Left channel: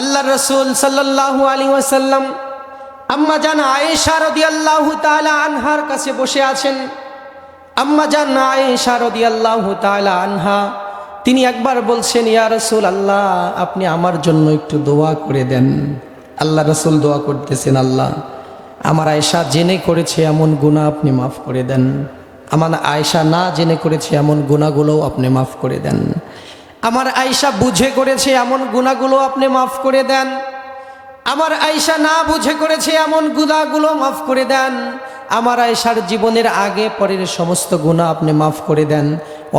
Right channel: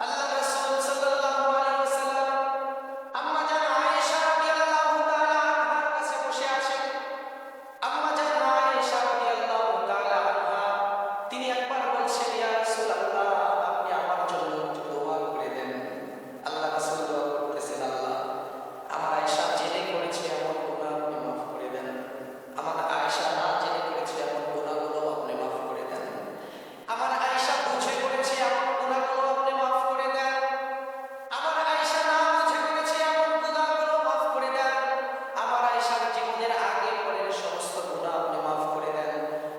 আল্লাহ রাসূল সাল্লাল্লাহু আলাইহি ওয়াসাল্লাম আম্মা জান আয়েশা রাদিয়াল্লাহু তাআলা আনহার কাছে বসে আছেন। আম্মা জান আয়েশা রাদিয়াল্লাহু তাআলা আনহা তিনি একবার বলছেন, ইয়া রাসূলুল্লাহ, আপনি আমার জন্য একটু দোয়া করে দেন। আল্লাহ রাসূল দোয়া করতেছেন, আল্লাহ আমার আয়েশা জেনে করেছে এমন গুনাহ আপনি মাফ করে দেন, আমার আয়েশা না জেনে করেছে এমন গুনাহগুলোও আপনি মাফ করে দেন, আমার আয়েশা বুঝে করেছে এমন গুনাহগুলো আপনি মাফ করে দেন, আমার আয়েশা না বুঝে করেছে এমন গুনাহগুলো মাফ করে দেন, আমার আয়েশার জীবনের আগে পরের সমস্ত গুনাহ আপনি মাফ করে দেন।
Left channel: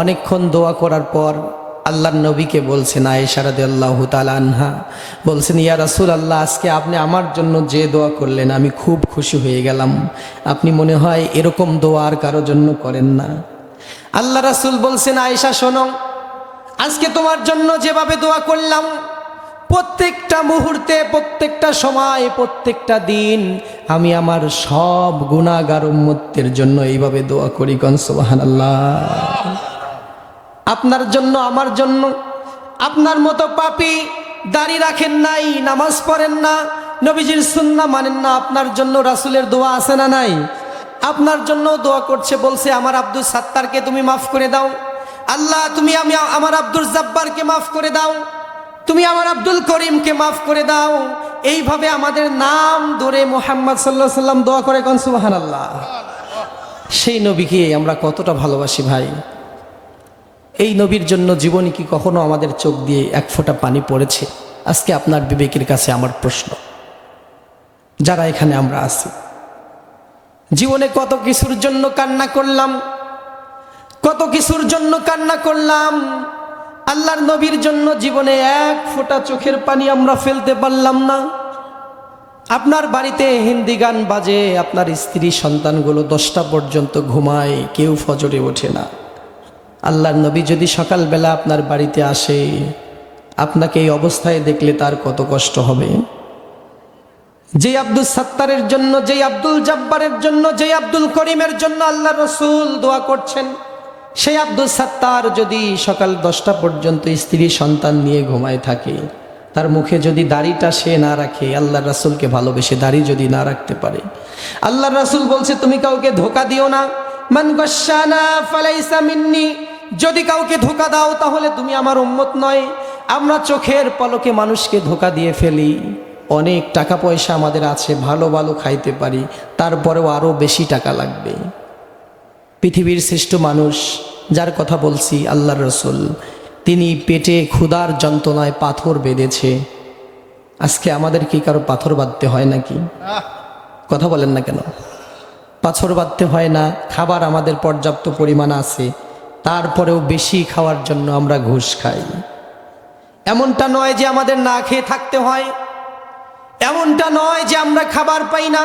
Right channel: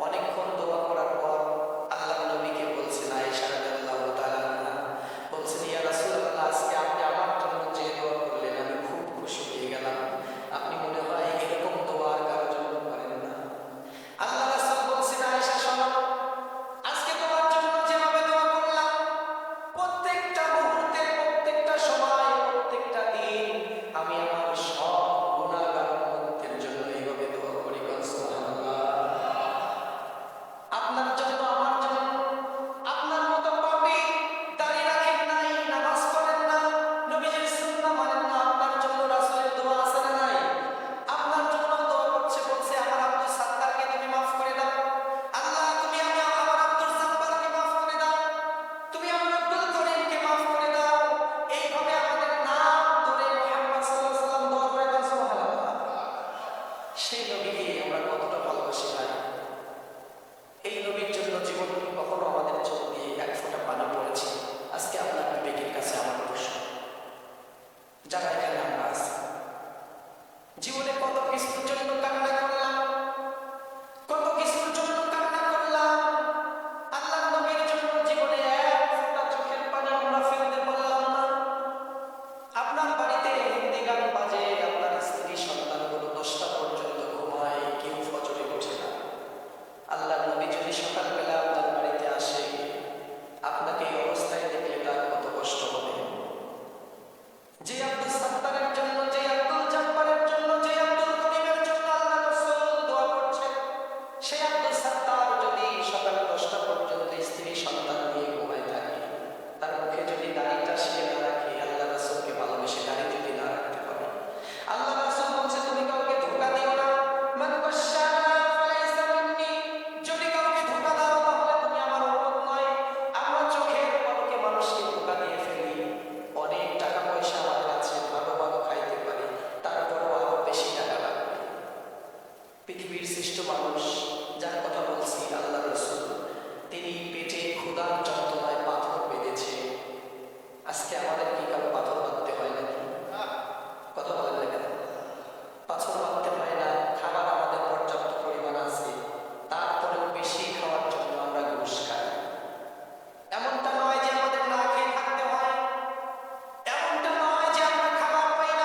অনেকক্ষণ দোয়া করার পর আল্লাহর নবীকে বলছেন, আয়েশা রাদিয়াল্লাহু তাআলা আনহা বলছেন, ইয়া রাসূলুল্লাহ, আজকে আপনি আমার জন্য যে দোয়া করলেন আমি খুব খুশি হয়ে গেলাম। আপনি মনে হয় এরকম দোয়া আর কারোর জন্য করেন না। আল্লাহ রাসূল বলছেন, আয়েশা শোনো, আজকে তোমার জন্য যেভাবে দোয়া করলাম, প্রত্যেকটা মুহূর্তে, প্রত্যেকটা সময়, প্রত্যেকটা দিন আমি আমার সব গুনাহগার উম্মতের জন্য এইভাবে দোয়া করি। কোন সুবহানাল্লাহ। আপনার জন্য, আমার জন্য। আপনার মতো পাপী দাড়ি রাখেন নাই, নামাজ পড়েন না, নবীজির সুন্নাহ মানেন না, আপনার জন্য রাসূলের দোয়া আছে না নাই? আপনার জন্য দোয়া করছে, বলছে আমার আব্দুল সাত্তারকে তুমি মাফ করে দাও, আল্লাহ তুমি আমার আব্দুল জব্বারকে মাফ করে দাও, তুমি আমার আব্দুল করিমকে মাফ করে দাও। এইভাবে আমাদের নাম ধরে মুহাম্মদ সাল্লাল্লাহু আলাইহি সাল্লাম দোয়া করে। কোন সুবহানাল্লাহ। সেই নবীকে আমরা কতটা ভালোবাসি ভাই। এই নবীর জন্য জীবনে কি কখনো আমাদের চোখ দিয়ে এক ফোঁটা পানি পড়েছে? আজকে আপনার বিবেকের কাছে আমার প্রশ্ন, যারা এখানে আমরা আছি, জীবনে কত কিছুর জন্য কান্না করলাম, কত কিছুর জন্য কান্না করলাম, আল্লাহর নবীর জন্য জীবনে এক ফোঁটা চোখের পানি আমরা ফেলতে পারলাম না। আপনার বাড়িতে হিন্দি গান বাজে, আপনার স্ত্রী সন্তানগুলো 10টা পর্যন্ত ঘুমায়, কেউ ফজরে ওঠে না। আল্লাহর নবী যদি সকালবেলা আপনার বাড়িতে আসে, আপনাকে এই অবস্থায় দেখলে তার কত কষ্ট হবে। যে আব্দুল সাত্তারের জন্য, যে আব্দুল জব্বারের জন্য, যে আব্দুল করিমের জন্য আল্লাহ রাসূল দোয়া করছেন, সেই আব্দুল সাত্তার যদি সকাল 10টা পর্যন্ত স্ত্রী সন্তান নিয়ে ঘুমায় থাকে, তার মুখে যদি দাড়িটা সে না রাখে, আল্লাহ রাসূলকে ভালোবেসে দাড়ি যদি না রাখতে পারে, আল্লাহ রাসূল বলছে তুমি কাউকে ধোঁকা দিও না। মান গাশশানা ফালাইসা মিন্নি, যদি কাউকে ধোঁকা দাও তাহলে তুমি আমার উম্মত নয়। আমরা চোখের পলকে মানুষকে ধোঁকা দিয়ে ফেলি। অনেক টাকা পয়সা আমাদের আছে, ভালো ভালো খাইতে পারি, তারপরেও আরো বেশি টাকা লাগবে। পৃথিবীর শ্রেষ্ঠ মানুষ যার কথা বলছি, আল্লাহর রাসূল, তিনি পেটে ক্ষুধার যন্ত্রণায় পাথর বেঁধেছে। আজকে আমাদের কি কারো পাথর বাঁধতে হয় নাকি? কথা বলেন না কেন? পাথর বাঁধতে হয় না। খাবার আমাদের পর্যাপ্ত পরিমাণ আছে, তারপরেও বেশি খাওয়ার জন্য আমরা ঘুষ খাই। এমনটা নয় যে আমাদের না খেয়ে থাকতে হয়, এমনটা নয় যে আমরা খাবার পাই না,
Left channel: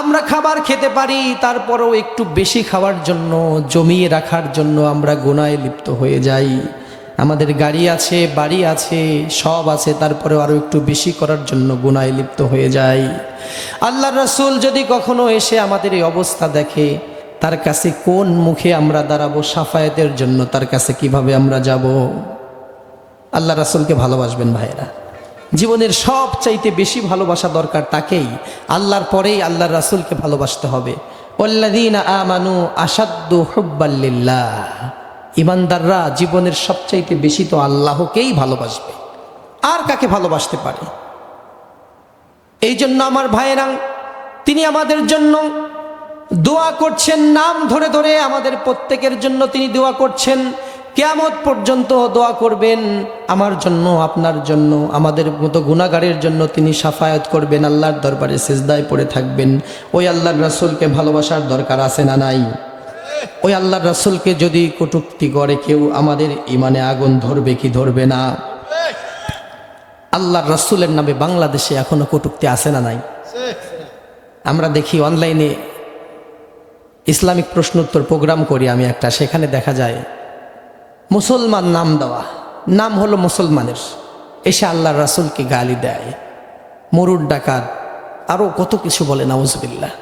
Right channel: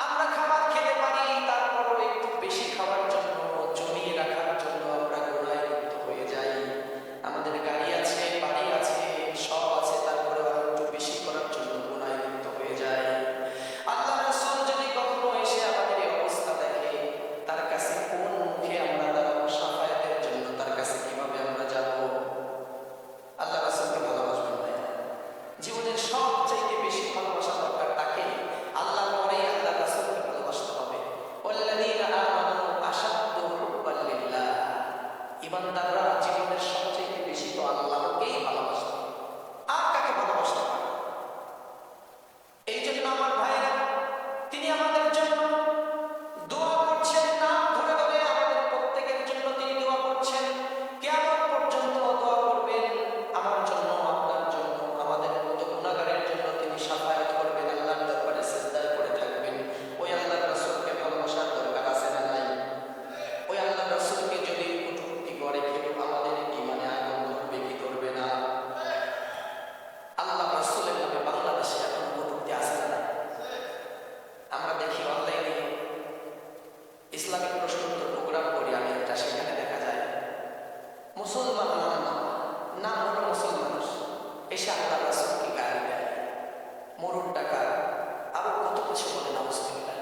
আমরা খাবার খেতে পারি, তারপরেও একটু বেশি খাওয়ার জন্য, জমিয়ে রাখার জন্য আমরা গুনাহে লিপ্ত হয়ে যাই। আমাদের গাড়ি আছে, বাড়ি আছে, সব আছে, তারপরেও আরো একটু বেশি করার জন্য গুনাহে লিপ্ত হয়ে যাই। আল্লাহর রাসূল যদি কখনো এসে আমাদের এই অবস্থা দেখে, তার কাছে কোন মুখে আমরা দাঁড়াবো সাফায়াতের জন্য? তার কাছে কিভাবে আমরা যাব? আল্লাহ রাসূলকে ভালোবাসবেন ভাইরা। জীবনের সব চাইতে বেশি ভালোবাসা দরকার তাকেই, আল্লাহর পরেই আল্লাহর রাসূলকে ভালোবাসতে হবে। ওয়াল্লাযীনা আমানু আশাদ্দু হুব্বাল লিল্লাহ, ঈমানদাররা জীবনের সবচাইতে বেশি তো আল্লাহকেই ভালোবাসবে, আর কাকে ভালোবাসতে পারে? এই জন্য আমার ভাইয়েরা, তিনি আমাদের জন্য দোয়া করছেন, নাম ধরে ধরে আমাদের প্রত্যেকের জন্য তিনি দোয়া করছেন। কিয়ামত পর্যন্ত দোয়া করবেন আমার জন্য, আপনার জন্য, আমাদের মতো গুনাহগারের জন্য তিনি শাফায়াত করবেন, আল্লাহর দরবারে সিজদায় পড়ে থাকবেন। ওই আল্লাহর রাসূলকে ভালোবাসার দরকার আছে না নাই? ওই আল্লাহর রাসূলকে যদি কটূক্তি করে কেউ, আমাদের ইমানে আগুন ধরবে কি ধরবে না? আল্লাহর রাসূলের নামে বাংলাদেশে এখনো কটূক্তি আছে না নাই? আমরা দেখি অনলাইনে ইসলামিক প্রশ্ন উত্তর প্রোগ্রাম করি আমি একটা, সেখানে দেখা যায় মুসলমান নাম দেওয়া, নাম হলো মুসলমানের, এসে আল্লাহর রাসূলকে গালি দেয়, মরুর ডাকাত, আরো কত কিছু বলে, নাউজুবিল্লাহ।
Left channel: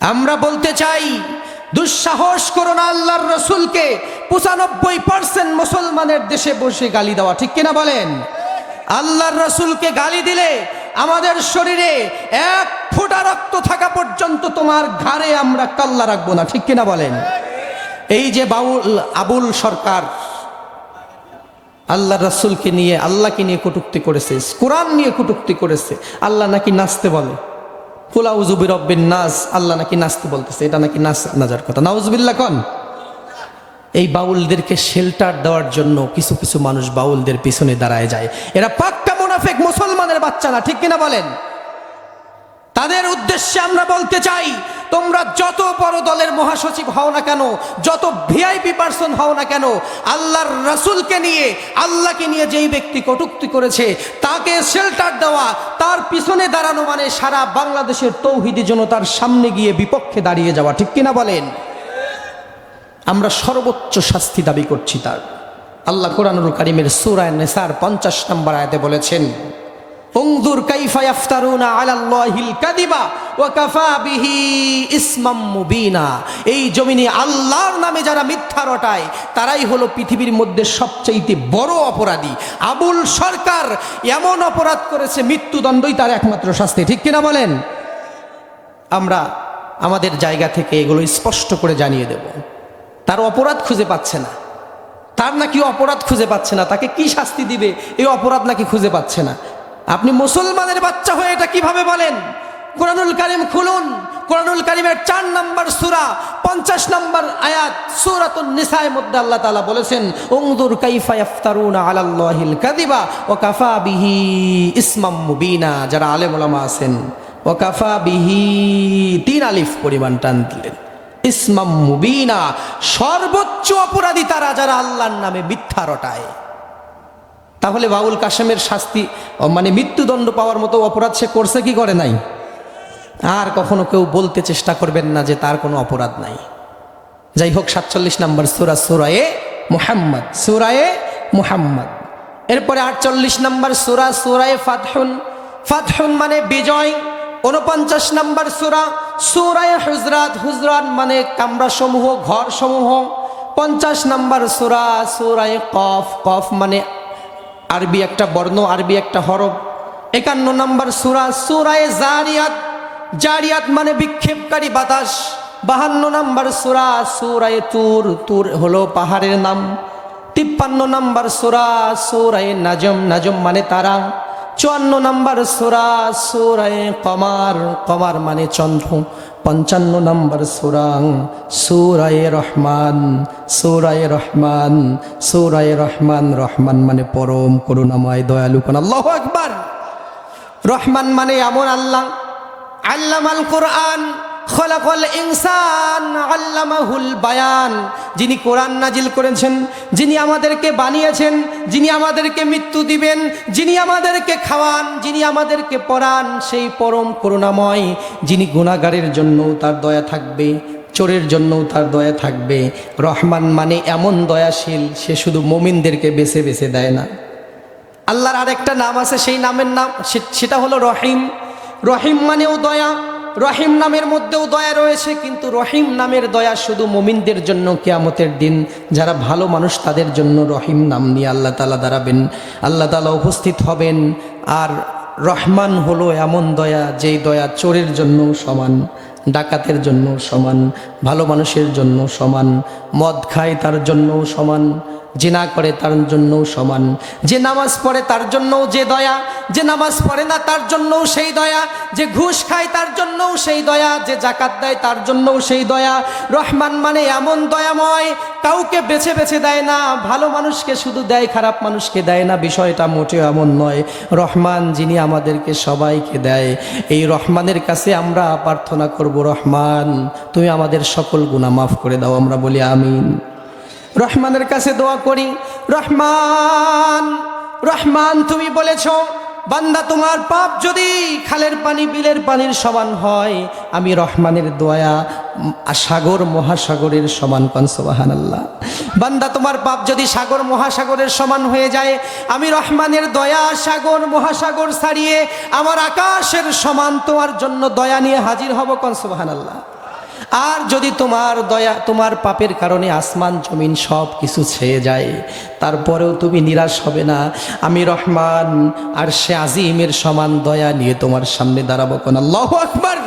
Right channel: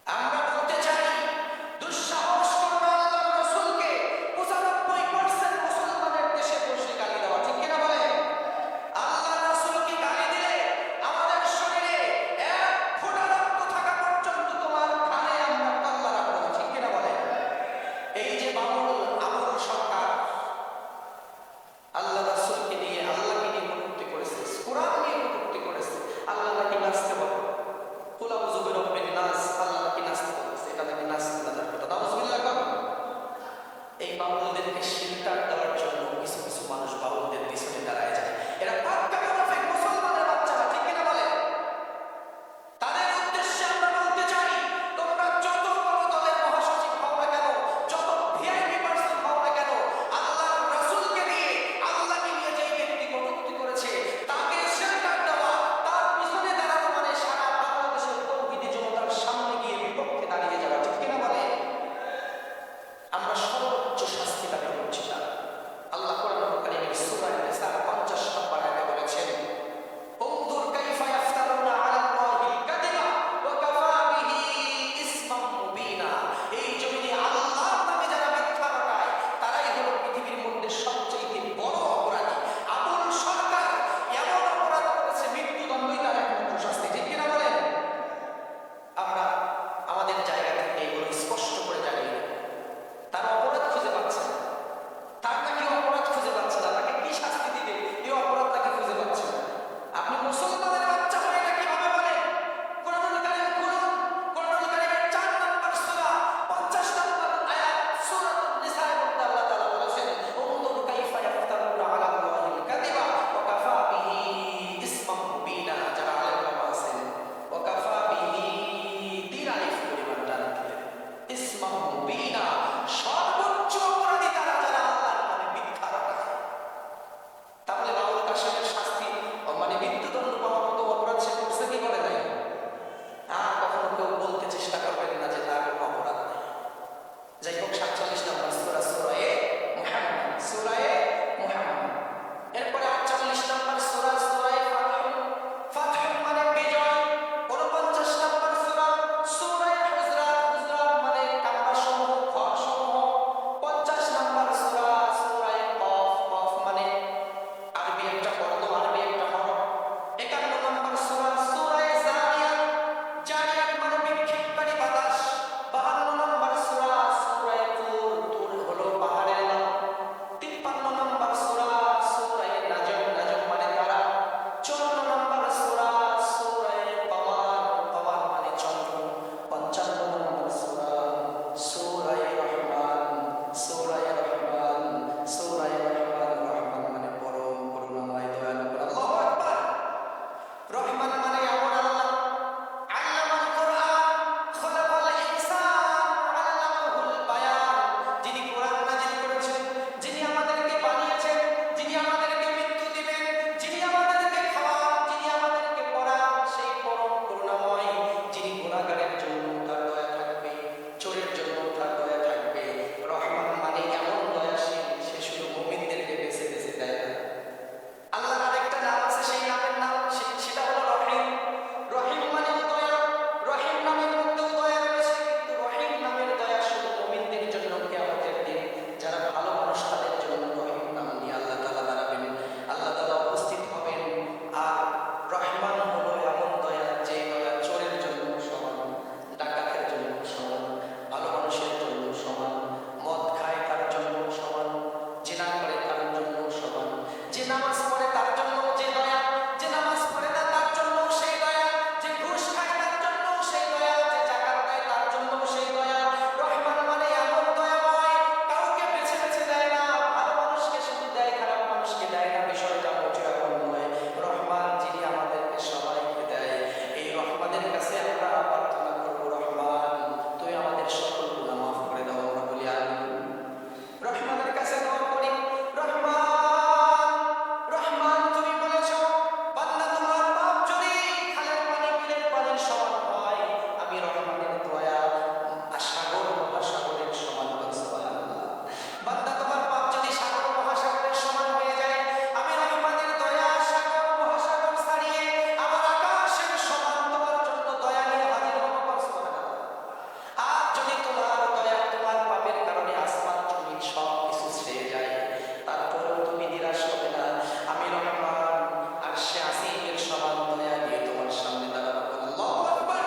আমরা বলতে চাই, দুঃসাহস করো না আল্লাহর রাসূলকে 95% মুসলমানের দেশে বসে গালি দেওয়া, ঠিক কিনা বলেন? আল্লাহর রাসূলকে গালি দিলে আমাদের শরীরে এক ফোঁটা রক্ত থাকা পর্যন্ত তোমার ঘাড়ে আমরা কাল্লা রাখবো না, ঠিক কিনা বলেন? এই যে আবুল সরকার আল্লাহর রাসূলকে নিয়ে, আল্লাহকে নিয়ে কটূক্তি করেছে, কোরআন নিয়ে কটূক্তি করেছে, আল্লাহ নাকি নাচতে বলে, কুল আউযু বিরাব্বিন নাস, আল্লাহ নাকি নাচতে বলতেছে, এটা নাকি নাজার কথা। নাউজুবিল্লাহ কোন। এই বাউলদেরকে শেল্টার দেওয়ার জন্য কিছু কিছু মানুষ বাউলদের পিছনে দাঁড়ায় যায়। এরা পাক্কা মুনাফিক, মুসলমানের বাচ্চা না, ঠিক কিনা বলেন? তাদের উদ্দেশ্যে আমরা বলতে চাই, তোমরা যত বড় দলের মহাসচিব হও না কেন, যত ভিআইপি পার্সন হও না কেন, আল্লাহর রাসূলকে নিয়ে, আল্লাহকে নিয়ে যেই ব্যক্তি কটূক্তি করেছে তাকে শেল্টার দেওয়া, তার পিছনে দাঁড়ানো মানে সারা বাংলাদেশের তৌহিদি জনতার সামনে গিয়ে বিপক্ষে দাঁড়িয়ে যাওয়া, ঠিক কিনা বলেন? আমরা সর্বোচ্চ শাস্তি দাবি করছি তার। আল্লাহ কোরআনুল কারীমের সূরা নিসার 50 নম্বর আয়াতে বলেছেন, উনজুর কাইফা ইফতারুনা আলাল্লাহিল কাযিবা ওয়া কাফা বিহি ইসমাম মুবিনা। এই জমিনে আল্লাহর নামে যারা মিথ্যা রটায় তারাই হলো পৃথিবীর মধ্যে সবচেয়ে বড় অপরাধী। আবুল সরকার এমন অপরাধ করেছে, মৃত্যুদণ্ডই তার একমাত্র শাস্তি, ঠিক কিনা বলেন? আমরা আমাদের জায়গা থেকে এগুলো স্পষ্ট করে জানিয়ে দেব। তার অপরাধ খুঁজে পাচ্ছে না, তার নাকি অপরাধ খুঁজে পাচ্ছে না, তাকে কি শাস্তি দিবে এই অপরাধ নাকি খুঁজে পাচ্ছে না। আপনি মুসলমানের বাচ্চা হয়ে এটা কিভাবে বলেন? কোরআনুল কারীম খুলুন, কোরআনুল কারীমের 4 নম্বর সূরা 50 নম্বর আয়াত, সূরাতুন নিসার মধ্যে আল্লাহ তাআলা বলেছেন, উনজুর কাইফা ইফতারুনা আলাল্লাহিল কাযিবা ওয়া কাফা বিহি ইসমাম মুবিনা। যারা আলেম ওলামা আছেন, ওয়া কাফা বিহি 3 আলিফ পরিমাণ টান দিলেন, ইসমাম মুবিনা, সর্বোচ্চ অপরাধী তারা যারা আল্লাহর নামে মিথ্যা রটায়। তাহলে বাউল কাশেমের শাস্তি মানে মৃত্যুদণ্ড পাওয়ার মতো অপরাধ সে করছে কি করে নাই? আর কখনো কেউ বলতে চেষ্টা করবেন না যে তার কোনো অপরাধ নাই। যাই হোক, 47 নম্বর সূরা, সূরায়ে মুহাম্মদ, সূরায়ে মুহাম্মদ। এরপরে 48 নম্বর সূরা, সূরায়ে ফাতহুন। ফাতহুন মানে বিজয়। 49 নম্বর সূরা, সূরায়ে হুজরাত। হুজরাত মানে কামরা সমূহ, ঘর সমূহ। 50 নম্বর সূরা, সূরায়ে কফ। কফ মানে আরবি একটা বর্ণ, আরবি একটা হরফ। 51 নম্বর সূরা, সূরায়ে জারিয়াত। জারিয়াত মানে বিক্ষেপকারী বাতাস। 52 নম্বর সূরা, সূরায়ে তুর। তুর হলো পাহাড়ের নাম। 53 নম্বর সূরা, সূরায়ে নাজম। নাজম মানে তারা। 54 নম্বর সূরা, সূরায়ে কমার। কমার মানে চন্দ্র। 55 নম্বর সূরা, সূরায়ে রহমান। সূরায়ে রহমান, সূরায়ে রহমান। রহমান মানে পরম করুণাময়, দয়ালু। আল্লাহু আকবার। রহমান মানে এমন আল্লাহ, আল্লামাল কোরআন খলাকাল ইনসান আল্লামাহুল বায়ান, যিনি কোরআন নাজিল করেছেন, যিনি আমাদেরকে বানিয়েছেন, যিনি আমাদেরকে মৃত্যু দিবেন, যিনি আমাদেরকে খাওয়ান, যিনি আমাদেরকে পড়ান, সেই পরম করুণাময়, যিনি গুনাহগারের জন্য তার দয়া থাকবে, চোরের জন্য তার দয়া থাকবে। রহমান মানে এমন দয়াশীল, সে শুধু মুমিনদেরকে বেছে বেছে দেয় না। আল্লাহর আরেকটা নাম আছে, সেই নামের নাম সেটা হলো রহিম। রহিম মানেও দয়া। রহিম নামের মধ্যেও দয়া রয়েছে, কিন্তু রহিম নামের দয়া শুধু মুমিনদের জন্য। কিয়ামতের দিন যারা ভালো মানুষ তাদের জন্য রহিম নাম নিয়ে আল্লাহ তাআলা দাঁড়াবেন, আল্লাহ তাআলা উপস্থিত হবেন। আর রহমান হলো এমন দয়া, যেই দয়া চোরের জন্য সমান, ডাকাতের জন্য সমান, ভালো মানুষের জন্য সমান, মদ খায় তার জন্য সমান, জিনা করে তার জন্য সমান, যে নামাজ পড়ে তার জন্যও যে দয়া, যে নামাজ পড়ে না তার জন্যও সেই দয়া, যে ঘুষ খায় তার জন্যও সেই দয়া, যে জাকাত দেয় তার জন্যও সেই দয়া। রহমান মানে এমন দয়াময়, কাউকে বেছে বেছে দেয় না, ভালো মানুষকে শুধু দেয়, খারাপ মানুষকে দেয় না। বিষয়টা মোটেও এমন নয়। রহমান যিনি আমাদেরকে সবাইকে দেয়, এই রহমানের কাছে আমরা প্রার্থনা করব, রহমান তুমি আমাদের সকল গুনাহ মাফ করে দাও। আমরা বলি আমিন। রহমানের কাছে দোয়া করি, রহমান, রহমান তুমি বলেছ বান্দা তোমার পাপ যদি খালের পানি বিলের পানির সমান হয়, আমি রহমানের দয়া সাগর মহাসাগরের সমান। কোন সুবহানাল্লাহ। বান্দা তোমার পাপ যদি সাগর মহাসাগরের সমান হয়ে যায়, আমি রহমানের দয়া সাগর মহাসাগর ছাড়িয়ে আমার আকাশের সমান তোমার জন্য দয়া নিয়ে হাজির হব। কোন সুবহানাল্লাহ। আর যদি তোমার দয়া, তোমার পাপের কারণে আসমান জমিন সব কিছু ছেয়ে যায়, তারপরেও তুমি নিরাশ হবে না। আমি রহমান আর সে আজিমের সমান দয়া নিয়ে তোমার সামনে দাঁড়াবো। কোন আল্লাহু আকবার।